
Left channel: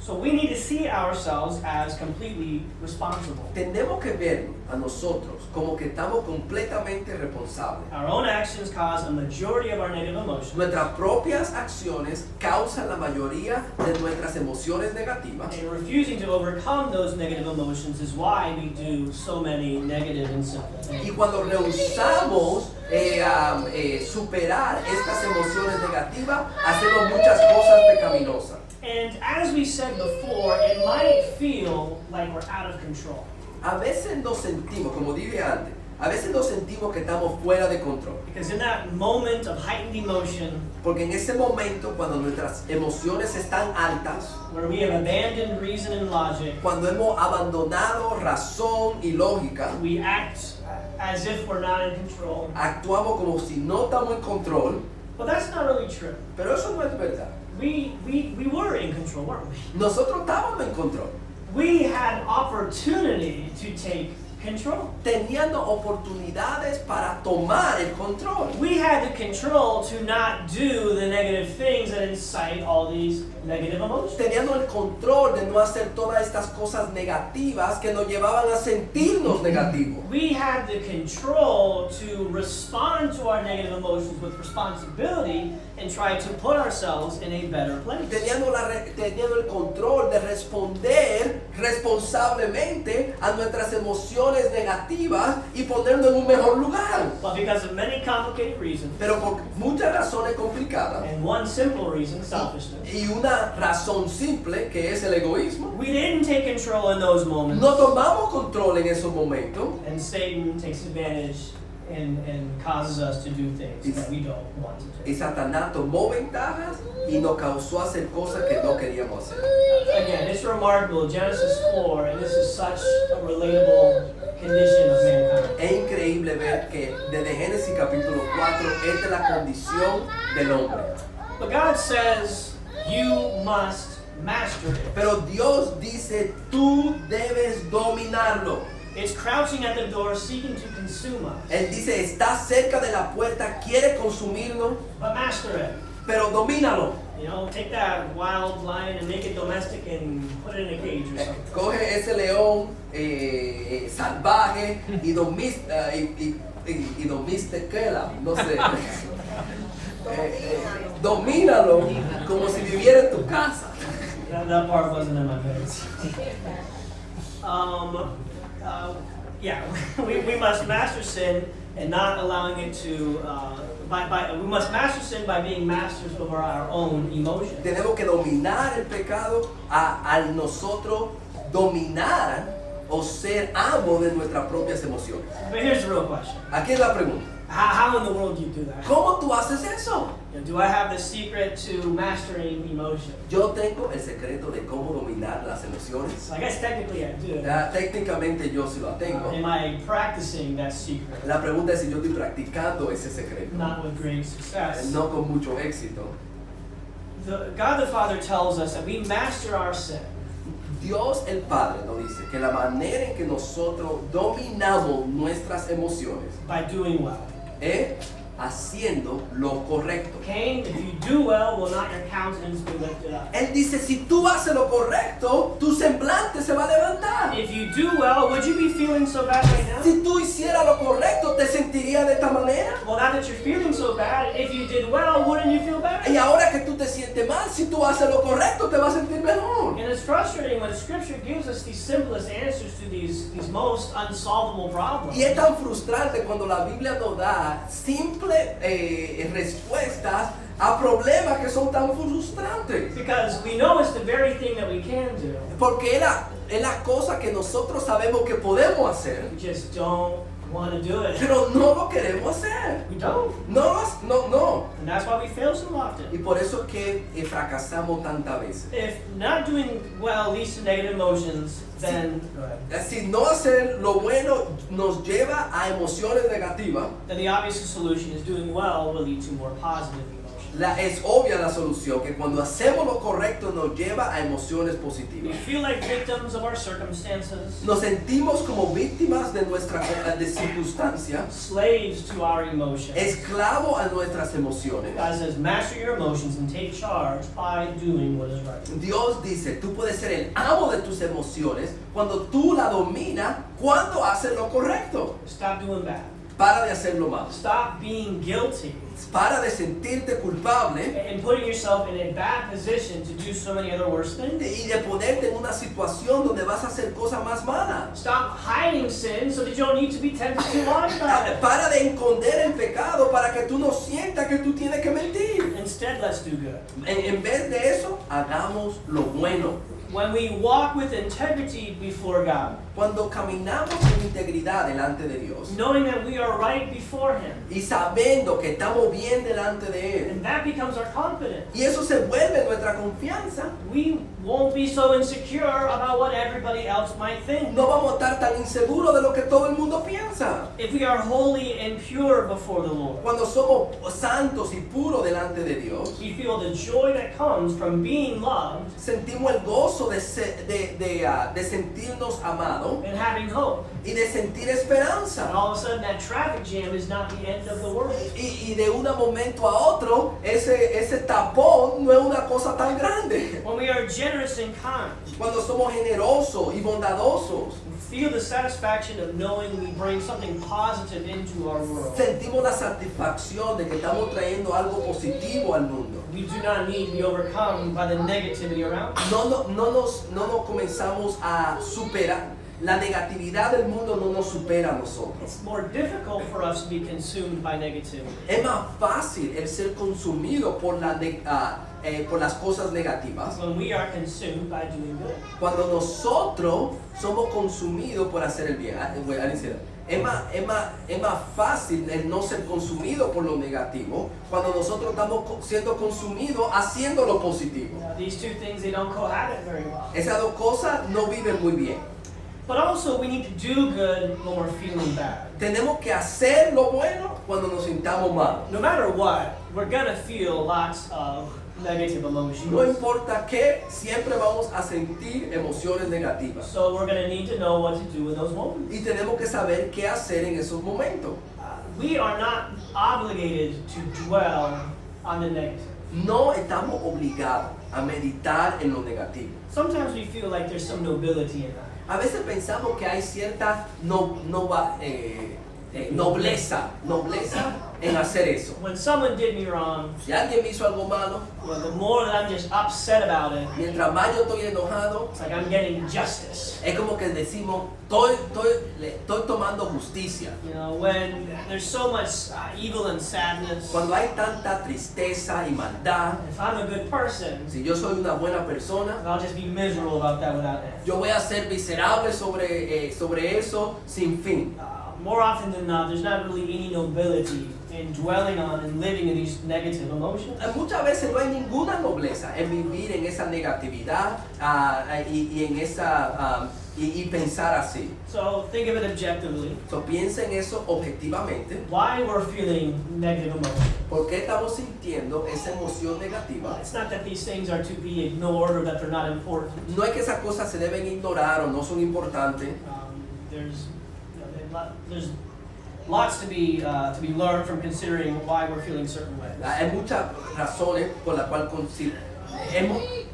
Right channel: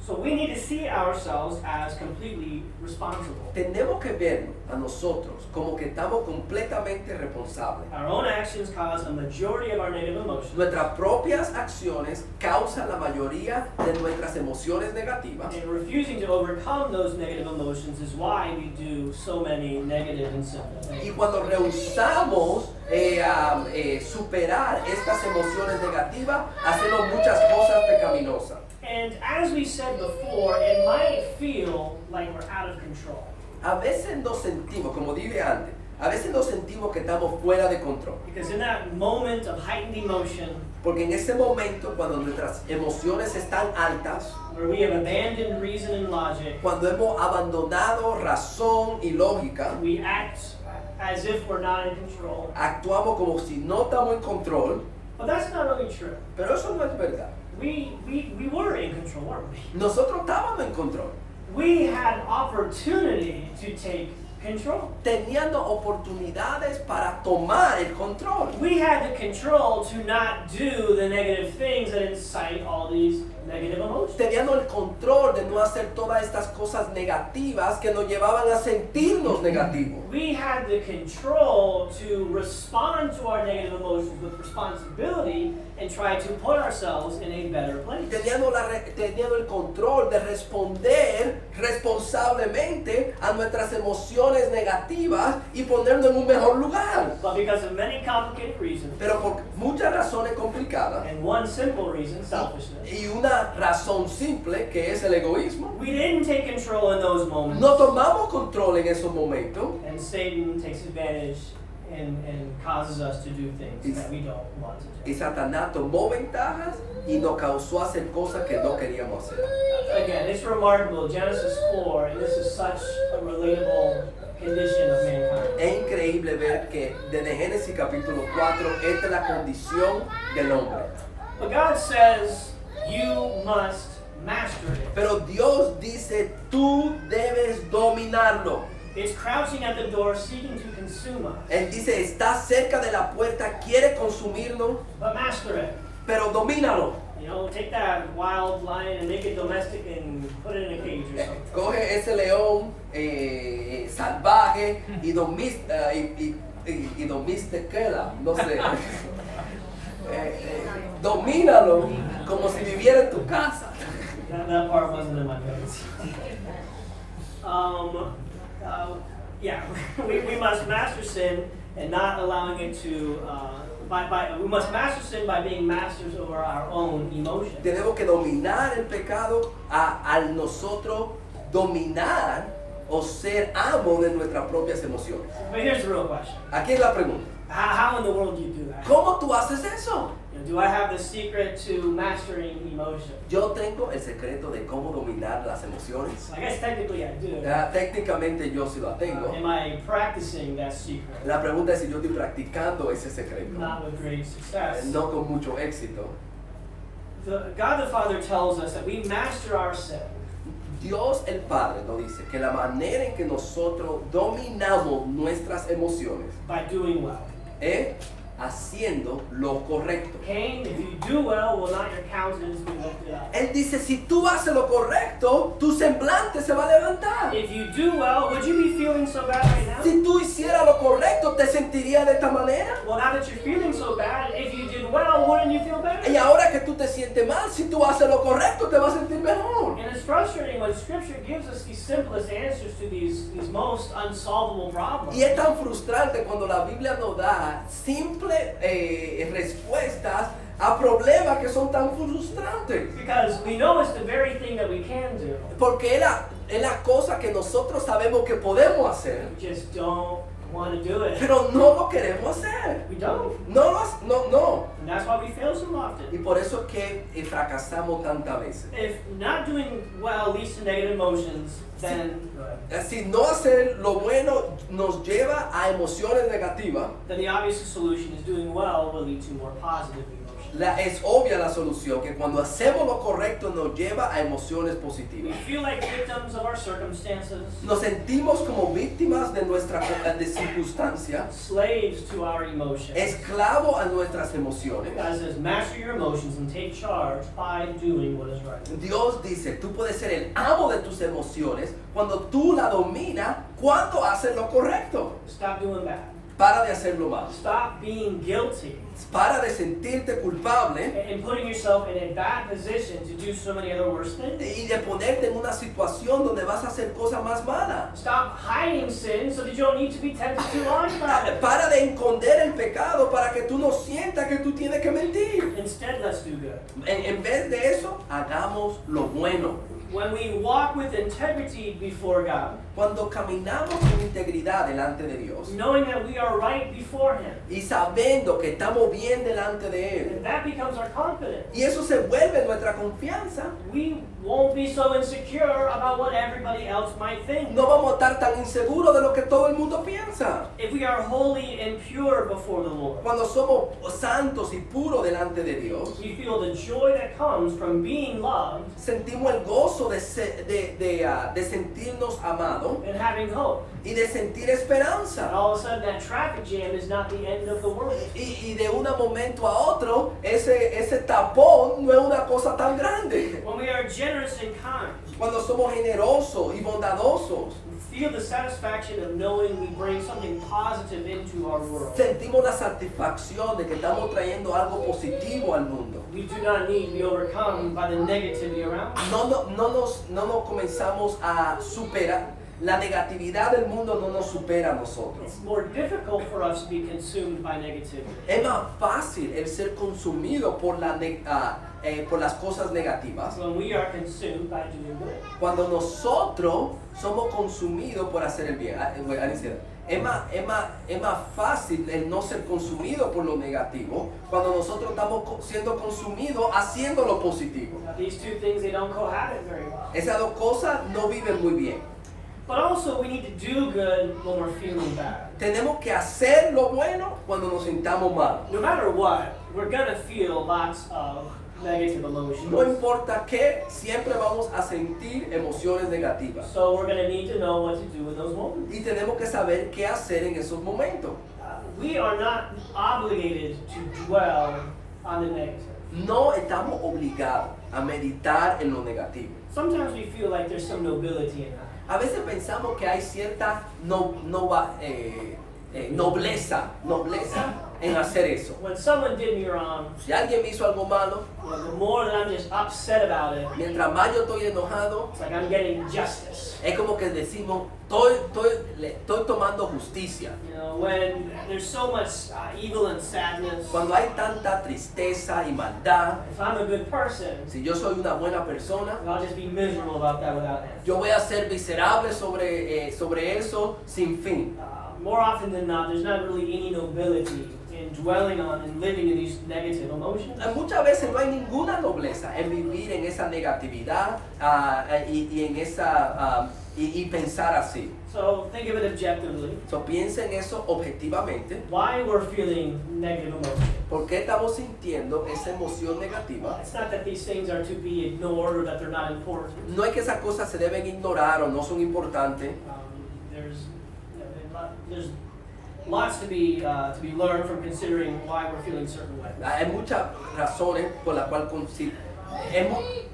So we need to see ourselves as completely responsible. Tenemos que vernos a nosotros como que estamos completamente responsables. Our own actions cause a majority of our negative emotions. Nuestras propias acciones causan la mayoría de nuestras emociones negativas. And refusing to overcome those negative emotions is why we do so many negative and sinful Y things. cuando rehusamos superar estas emociones negativas, hacemos muchas cosas pecaminosas. And as we said before, it might feel like we're out of control. a veces nos sentimos, como dije antes, a veces nos sentimos que estamos fuera de control. Because in that moment of heightened emotion, Porque en ese momento, cuando nuestras emociones están altas, where we have abandoned reason and logic, cuando hemos abandonado razón y lógica, we act as if we're not in control. actuamos como si no estamos en control, But that's not really true. pero eso no es verdad. We were in control, weren't we? Nosotros estábamos en control, We had opportunity to take control. teniendo oportunidades para tomar el control. We had the control to not do the negative things that incite all these negative emotions. Teniendo el control de no hacer todas estas cosas negativas que nos llevaban a sentirnos negativos. We had the control to respond to our negative emotions with responsibility and try to put ourselves in a better place. Teniendo el control de responder responsablemente a nuestras emociones negativas y ponernos en un mejor lugar. But because of many complicated reasons, Pero por muchas razones complicadas and one simple reason, selfishness, y una razón simple que es el egoísmo, we didn't take control in those moments. no tomamos control en esos momentos And Satan takes advantage and causes us to do things that we don't want to y do. Satanás tomó ventajas y nos causó hacer cosas que no queríamos hacer. Again, it's remarkable, Genesis 4, and this is such a relatable condition of mankind. Es increíble ver que desde Génesis capítulo 4 esta es la condición del hombre. But God says, you must master it. Pero Dios dice, tú debes dominarlo. It's crouching at the door, seeking to consume us. Él dice, está cerca de la puerta, quiere consumirlo, But master it. pero domínalo. You know, take that wild lion and make it domestic and put it in a cage or something. Coge ese león salvaje y domesticala, no sé. Domínalo como si viviera en tu casa. That part wasn't in my notes. Yeah, we must master sin and not allowing it to. We must master sin by being masters over our own emotions. Tenemos que dominar el pecado al nosotros dominar o ser amo de nuestras propias emociones. But here's the real question: Aquí es la pregunta. How in the world do you do that? ¿Cómo tú haces eso? You know, do I have the secret to mastering emotion? Yo tengo el secreto de cómo dominar las emociones. I guess technically I do. Técnicamente yo sí lo tengo. Am I practicing that secret? La pregunta es si yo estoy practicando ese secreto. Not with great success. No con mucho éxito. God the Father tells us that we master our sin Dios el Padre nos dice que la manera en que nosotros dominamos nuestras emociones by doing well. es haciendo lo correcto. Cain, if you do well, will not your countenance be lifted up? Él dice, si tú haces lo correcto, tu semblante se va a levantar. If you do well, would you be feeling so bad right now? Si tú hicieras lo correcto, ¿te sentirías de esta manera? Well, now that you're feeling so bad, if you did well, wouldn't you feel better? Y ahora que tú te sientes mal, si tú haces lo correcto, te vas a sentir mejor. And it's frustrating when Scripture gives us these simplest answers to these most unsolvable problems. Y es tan frustrante cuando la Biblia nos da simples respuestas a problemas que son tan frustrantes. Because we know it's the very thing that we can do. Porque es la cosa que nosotros sabemos que podemos hacer, We just don't want to do it. pero no lo queremos hacer. We don't. No. And that's why we fail so Y often. por eso es que fracasamos tantas veces. If not doing well leads to negative emotions, then go ahead. Si no hacer lo bueno nos lleva a emociones negativas, Then the obvious solution is doing well will lead to more positive emotions. es obvia la solución, que cuando hacemos lo correcto nos lleva a emociones We positivas. feel like victims of our circumstances, Nos sentimos como víctimas de nuestra circunstancia, slaves to our emotions. esclavos a nuestras emociones. God says, master your emotions and take charge by doing what is right. Dios dice, tú puedes ser el amo de tus emociones cuando tú la dominas, cuando haces lo correcto. Stop doing bad. Para de hacer lo malo. Stop being guilty Para de sentirte culpable and putting yourself in a bad position to do so many other worse things. y de ponerte en una situación donde vas a hacer cosas más malas. Stop hiding sin so that you don't need to be tempted to lie about it. Para de esconder el pecado para que tú no sientas que tú tienes que mentir. Instead, let's do good. En vez de eso, hagamos lo bueno. When we walk with integrity before God, Cuando caminamos con integridad delante de Dios knowing that we are right before Him, y sabiendo que estamos bien delante de Él, and that becomes our confidence. y eso se vuelve nuestra confianza, We won't be so insecure about what everybody else might think. no vamos a estar tan inseguros de lo que todo el mundo piensa. If we are holy and pure before the Lord, Cuando somos santos y puros delante de Dios, we feel the joy that comes from being loved sentimos el gozo de sentirnos amados and having hope. y de sentir And esperanza. all of a sudden, that traffic jam is not the end of the world. Y de un momento a otro, ese tapón no es una cosa tan grande. When we are generous and kind, Cuando somos generosos y bondadosos, we feel the satisfaction of knowing we bring something positive into our world. sentimos la satisfacción de que estamos trayendo algo positivo al mundo. We do not need to be overcome by the negativity around us. No nos comenzamos a superar. La negatividad del mundo no nos supera a nosotros. It's more difficult for us to be consumed by negativity. Es más fácil el ser consumido por las cosas negativas When we are consumed by doing good. cuando nosotros somos consumidos por hacer el bien. Es más fácil el no ser consumido por lo negativo cuando nosotros estamos siendo consumidos haciendo lo positivo. These two things, they don't cohabit very well. Esas dos cosas no viven muy bien. But also, we need to do good when we're feeling bad. Tenemos que hacer lo bueno cuando nos sintamos mal. No matter what, we're gonna feel lots of negative emotions. No importa qué, siempre vamos a sentir emociones negativas. So we're gonna need to know what to do in those moments. Y tenemos que saber qué hacer en esos momentos. We are not obligated to dwell on the negative. No estamos obligados a meditar en lo negativo. Sometimes we feel like there's some nobility in that. A veces pensamos que hay cierta nobleza en hacer eso. When someone did me wrong, Si alguien me hizo algo malo, well, the more that I'm just upset about it, mientras más yo estoy enojado, it's like I'm getting justice. es como que decimos, estoy tomando justicia. You know, when there's so much evil and sadness, Cuando hay tanta tristeza y maldad, if I'm a good person, si yo soy una buena persona, I'll just be miserable about that without end. yo voy a ser miserable sobre eso sin fin. More often than not, there's not really any nobility in dwelling on and living in these negative emotions. Muchas veces no hay ninguna nobleza en vivir en esa negatividad y en esa y pensar así. So think of it objectively. So, piensa en eso objetivamente. Why we're feeling negative emotions. ¿Por qué estamos sintiendo esa emoción negativa? It's not that these things are to be ignored or that they're not important. No es que esas cosas se deben ignorar o no son importantes. There's lots to be learned from considering why we're feeling certain ways. Hay muchas razones por las cuales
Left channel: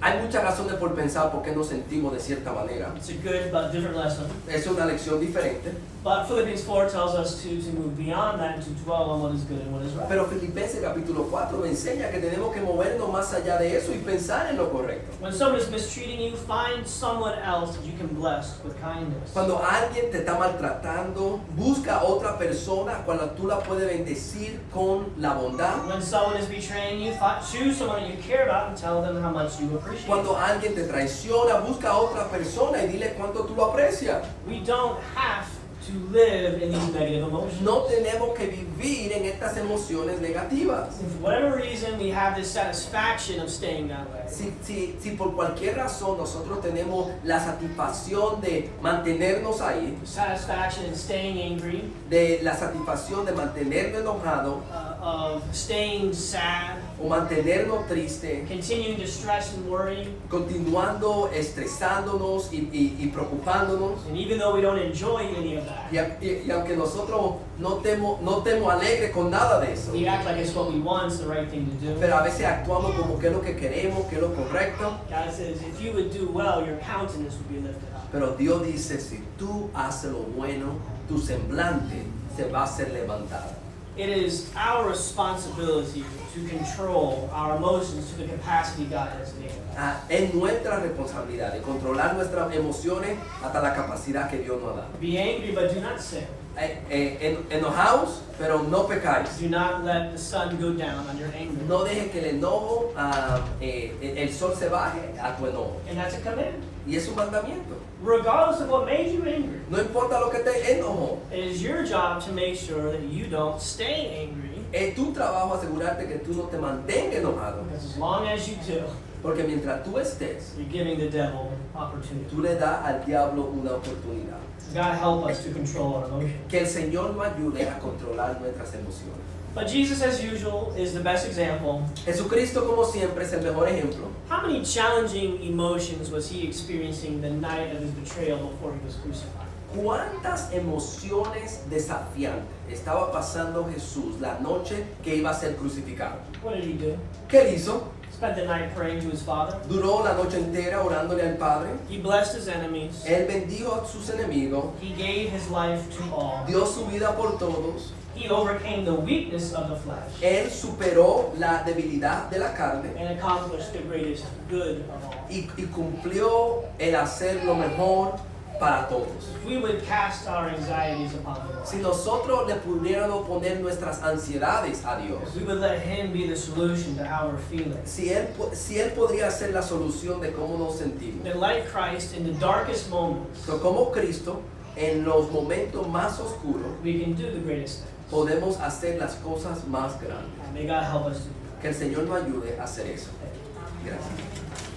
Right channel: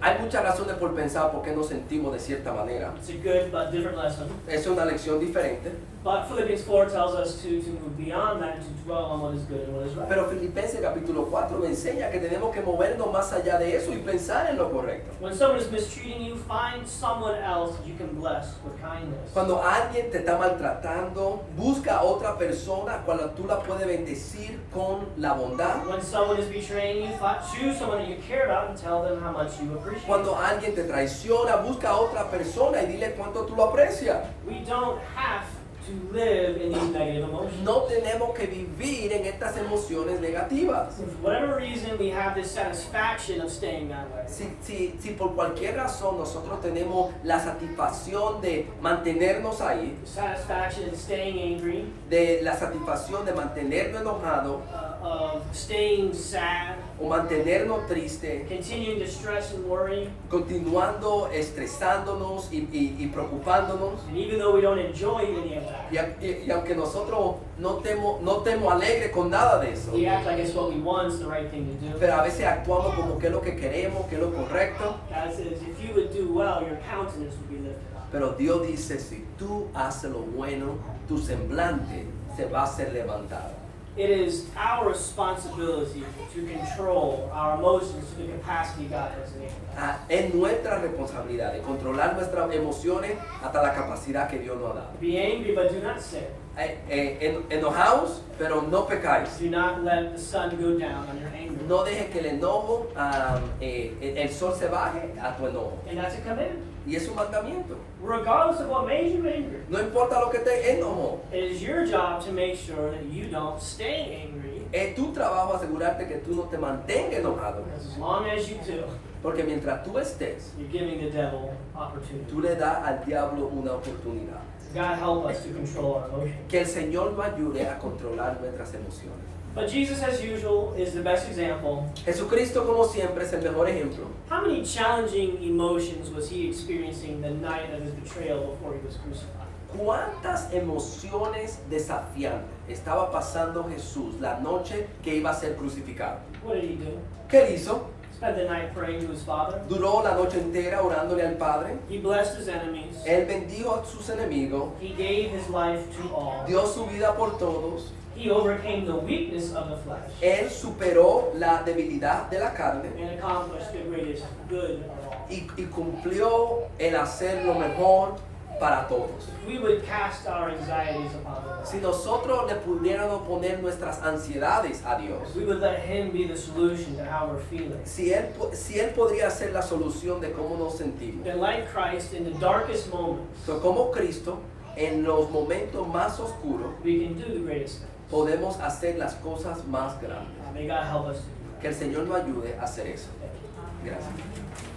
hay muchas razones por pensar por qué nos sentimos de cierta manera. It's a good but different lesson. Es una lección diferente. But Philippians 4 tells us to move beyond that and to dwell on what is good and what is right. Pero Filipenses capítulo 4 me enseña que tenemos que movernos más allá de eso y pensar en lo correcto. When someone is mistreating you, find someone else that you can bless with kindness. Cuando alguien te está maltratando, busca a otra persona cuando tú la puedes bendecir con la bondad. When someone is betraying you, choose someone that you care about and tell them how much you appreciate. Cuando alguien te traiciona, busca a otra persona y dile cuánto tú lo aprecias. We don't have to live in these negative emotions. No tenemos que vivir en estas emociones negativas. For whatever reason, we have this satisfaction of staying that way. Si por cualquier razón nosotros tenemos la satisfacción de mantenernos ahí, Satisfaction in staying angry, de la satisfacción de mantenernos enojados of staying sad, o mantenernos tristes, continuing to stress and worry. continuando estresándonos y preocupándonos. And even though we don't enjoy any of that, Y aunque nosotros no estemos alegres con nada de eso, we act like it's what we want, it's the right thing to do. pero a veces actuamos como que es lo que queremos, que es lo correcto. God says, if you would do well, your countenance would be lifted up. Pero Dios dice, si tú haces lo bueno, tu semblante se va a ser levantado. It is our responsibility to control our emotions to the capacity God has enabled us. Es nuestra responsabilidad de controlar nuestras emociones hasta la capacidad que Dios nos ha dado. Be angry, but do not sin. Enojaos, pero no pecáis. Do not let the sun go down on your anger. No dejes que el enojo, el sol se baje a tu enojo. And that's a command. Y es un mandamiento. Regardless of what made you angry, No importa lo que te enojó. it is your job to make sure that you don't stay angry. Es tu trabajo asegurarte que tú no te mantengas enojado. Because as long as you do, Porque mientras tú estés, you're giving the devil opportunity. tú le das al diablo una oportunidad. God help us to control our emotions. Que el Señor nos ayude a controlar nuestras emociones. But Jesus, as usual, is the best example. Jesucristo, como siempre, es el mejor ejemplo. How many challenging emotions was he experiencing the night of his betrayal before he was crucified? ¿Cuántas emociones desafiantes estaba pasando Jesús la noche que iba a ser crucificado? What did he do? ¿Qué él hizo? Spent the night praying to his Father. Duró la noche entera orándole al Padre. He blessed his enemies. Él bendijo a sus enemigos. He gave his life to all. Dio su vida por todos. He overcame the weakness of the flesh Él superó la debilidad de la carne and accomplished the greatest good of all. y cumplió el hacer lo mejor para todos. If we would cast our anxieties upon the Lord, Si nosotros le pudiéramos poner nuestras ansiedades a Dios, if we would let Him be the solution to how we're feeling, si él podría ser la solución de cómo nos sentimos, then like Christ in the darkest moments, pero como Cristo, en los momentos más oscuros, we can do the greatest things. podemos hacer las cosas más grandes. May God help us to do that. Que el Señor nos ayude a hacer eso. Thank you. Gracias.